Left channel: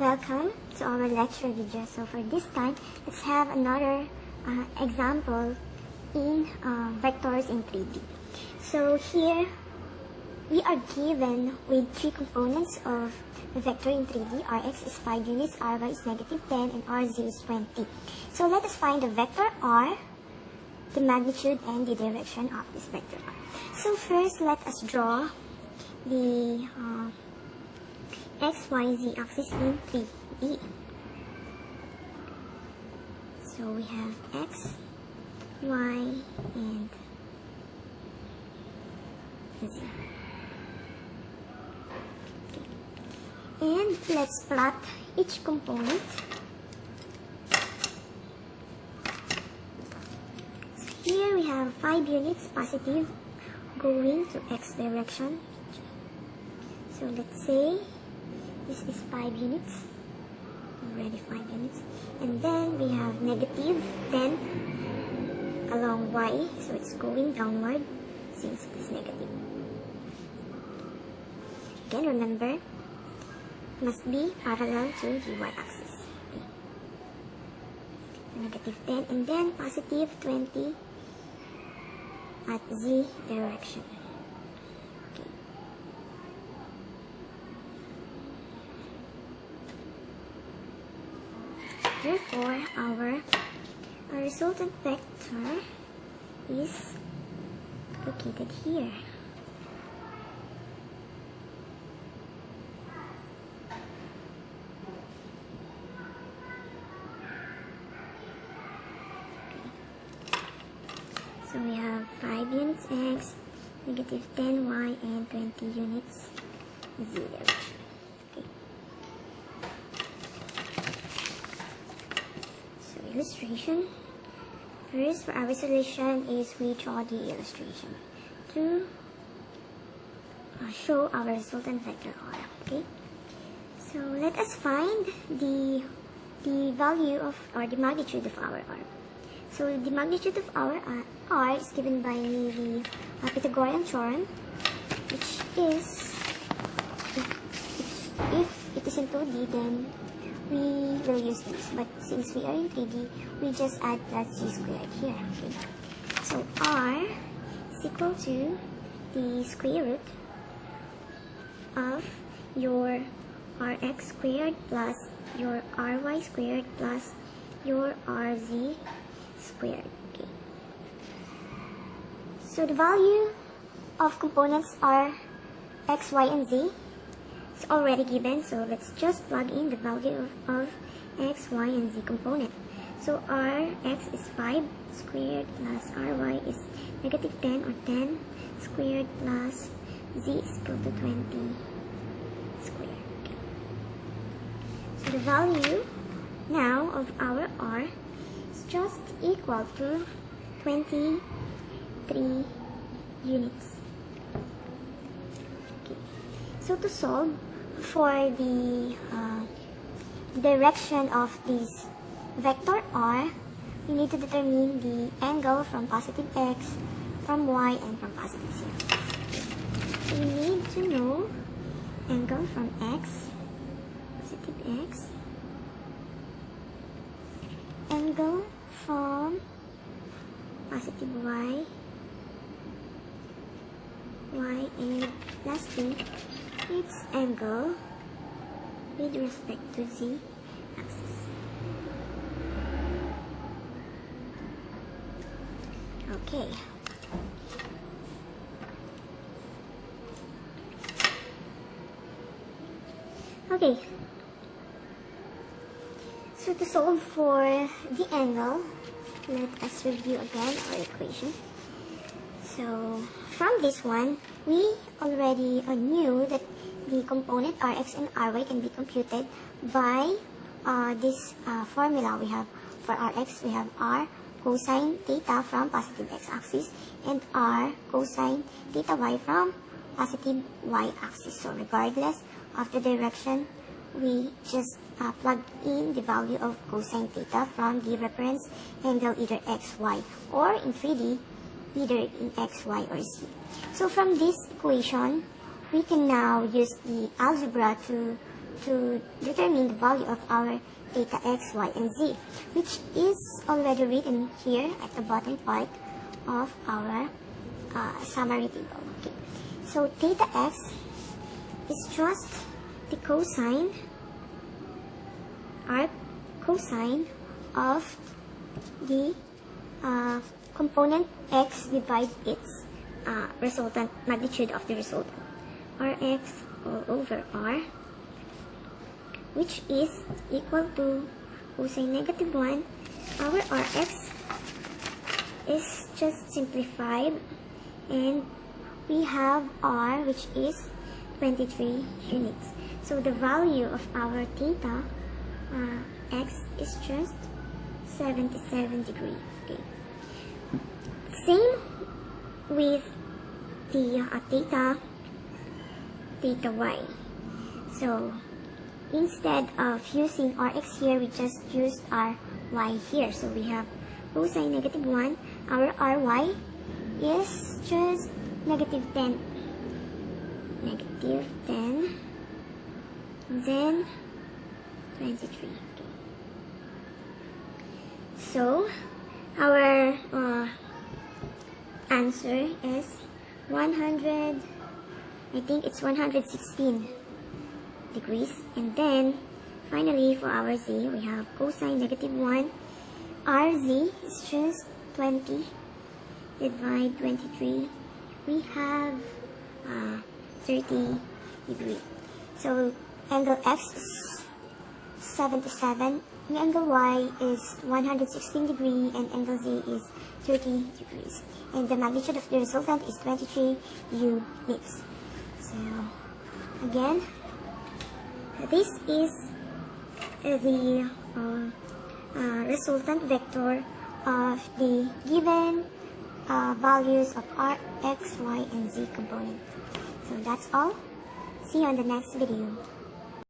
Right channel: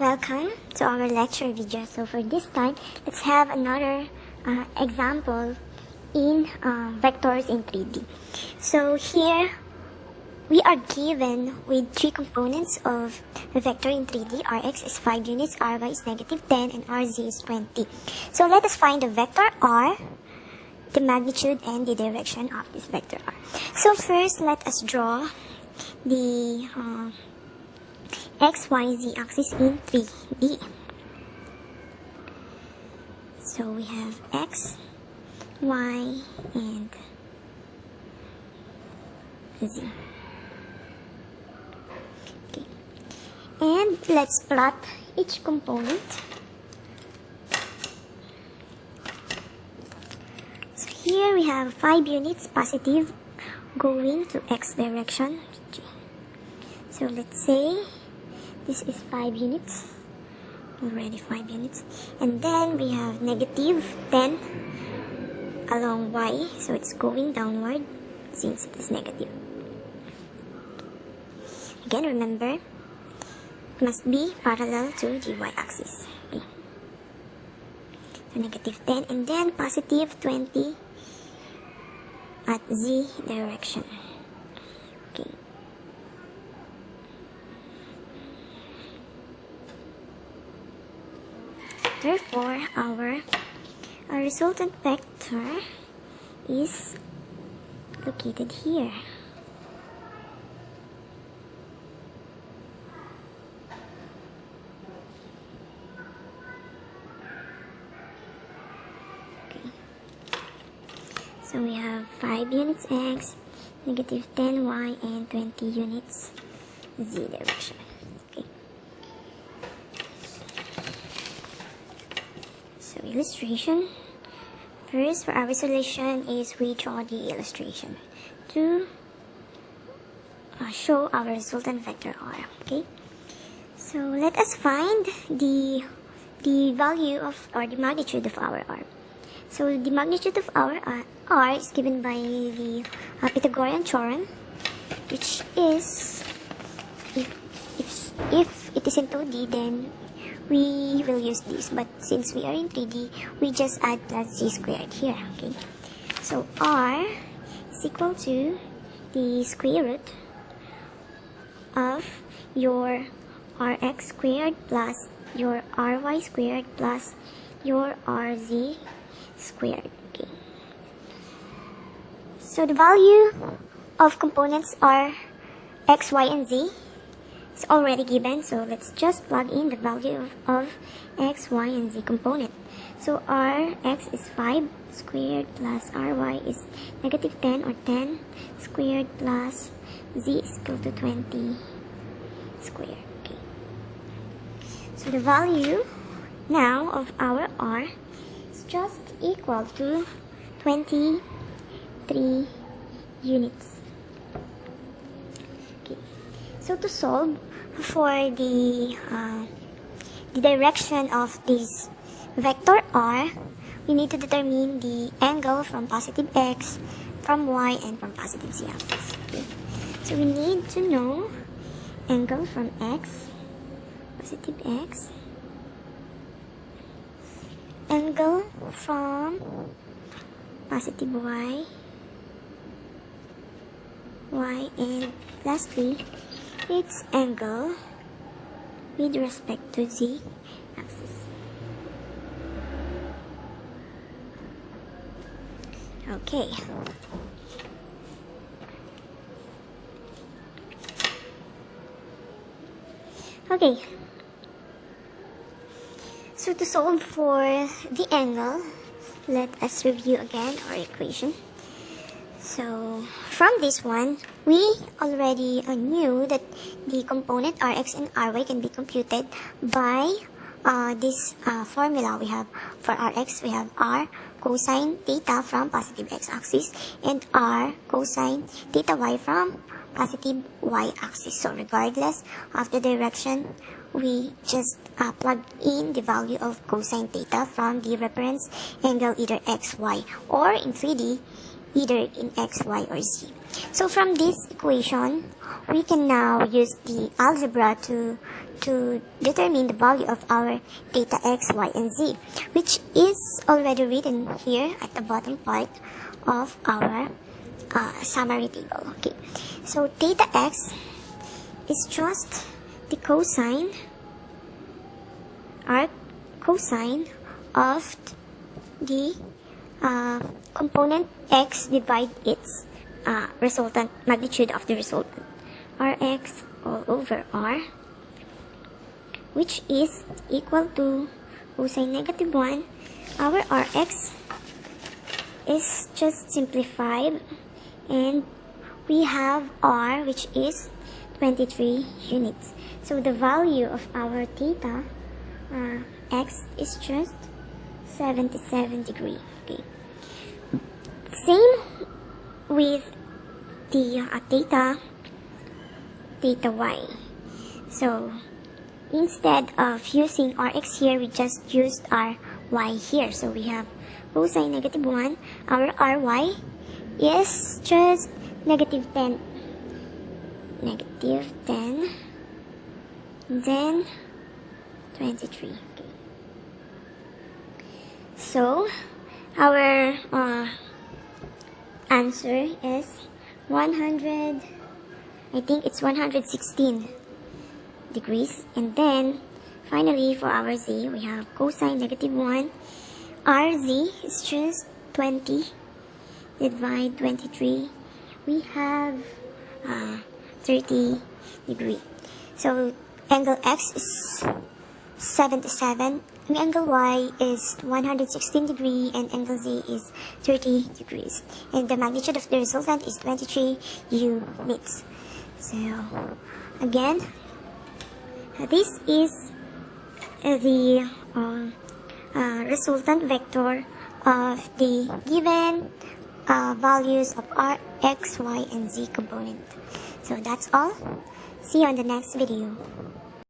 Welcome to our lecture video. So for this time, let's have another example in vectors in 3D. So here we are given with three components of the vector in 3D. Rx is 5 units, Ry is -10, and Rz is 20. So let us find the vector R, the magnitude, and the direction of this vector R. So first, let us draw the x, y, z axis in 3D. So we have x, y, and z. Okay. And let's plot each component. So here we have 5 units positive going to x direction. So let's say this is 5 units, already 5 units, and then we have -10 along y, so it's going downward since it is negative. Again, remember, it must be parallel to the y-axis. Okay. So -10 and then +20 at z direction. Okay. Therefore, our resultant vector is located here. Okay. So we have 5 units x, -10 y, and 20 units z direction. Illustration. First, for our solution is we draw the illustration to show our resultant vector R. Okay, so let us find the value of, or the magnitude of our R. So the magnitude of our R is given by the Pythagorean theorem, which is if it is in 2D, then we will use this, but since we are in 3D, we just add that z squared here. Okay, so R is equal to the square root of your Rx squared plus your Ry squared plus your Rz squared. Okay, so the value of components are x, y, and z. It's already given, so let's just plug in the value of x, y, and z component. So Rx is 5 squared plus Ry is -10 or 10 squared plus z is equal to 20 squared. Okay. So the value now of our R is just equal to 23 units. Okay. So to solve for the direction of this vector R, we need to determine the angle from positive x, from y, and from positive z axis. Okay. So we need to know angle from x, positive x, angle from positive y, and lastly, its angle with respect to z axis. Okay. Okay. So to solve for the angle, let us review again our equation. So from this one, we already knew that the component Rx and Ry can be computed by this formula. We have for Rx, we have R cosine theta from positive x-axis and R cosine theta y from positive y-axis. So regardless of the direction, we just plug in the value of cosine theta from the reference angle, either x, y, or in 3D, either in x, y, or z. So from this equation, we can now use the algebra to to determine the value of our theta x, y, and z, which is already written here at the bottom part of our summary table. Okay, so theta x is just the cosine, arc cosine of the component x divide its resultant magnitude of the resultant, Rx all over R, which is equal to cosine negative 1. Our Rx is just simplified, and we have R, which is 23 units. So the value of our theta x is just 77 degrees. Okay. Same with the theta y. So instead of using Rx here, we just used our y here. So we have cosine negative 1. Our Ry is just negative 10. Negative 10. Then 23. Okay. So our answer is 100, I think it's 116 degrees. And then finally for our z, we have cosine negative 1. Rz is just 20 divide 23. We have 30 degrees. So angle x is 77, and angle y is 116 degrees, and angle z is 30 degrees. And the magnitude of the resultant is 23 units. So again, this is the resultant vector of the given values of r, x, y, and z component. So that's all. See you on the next video.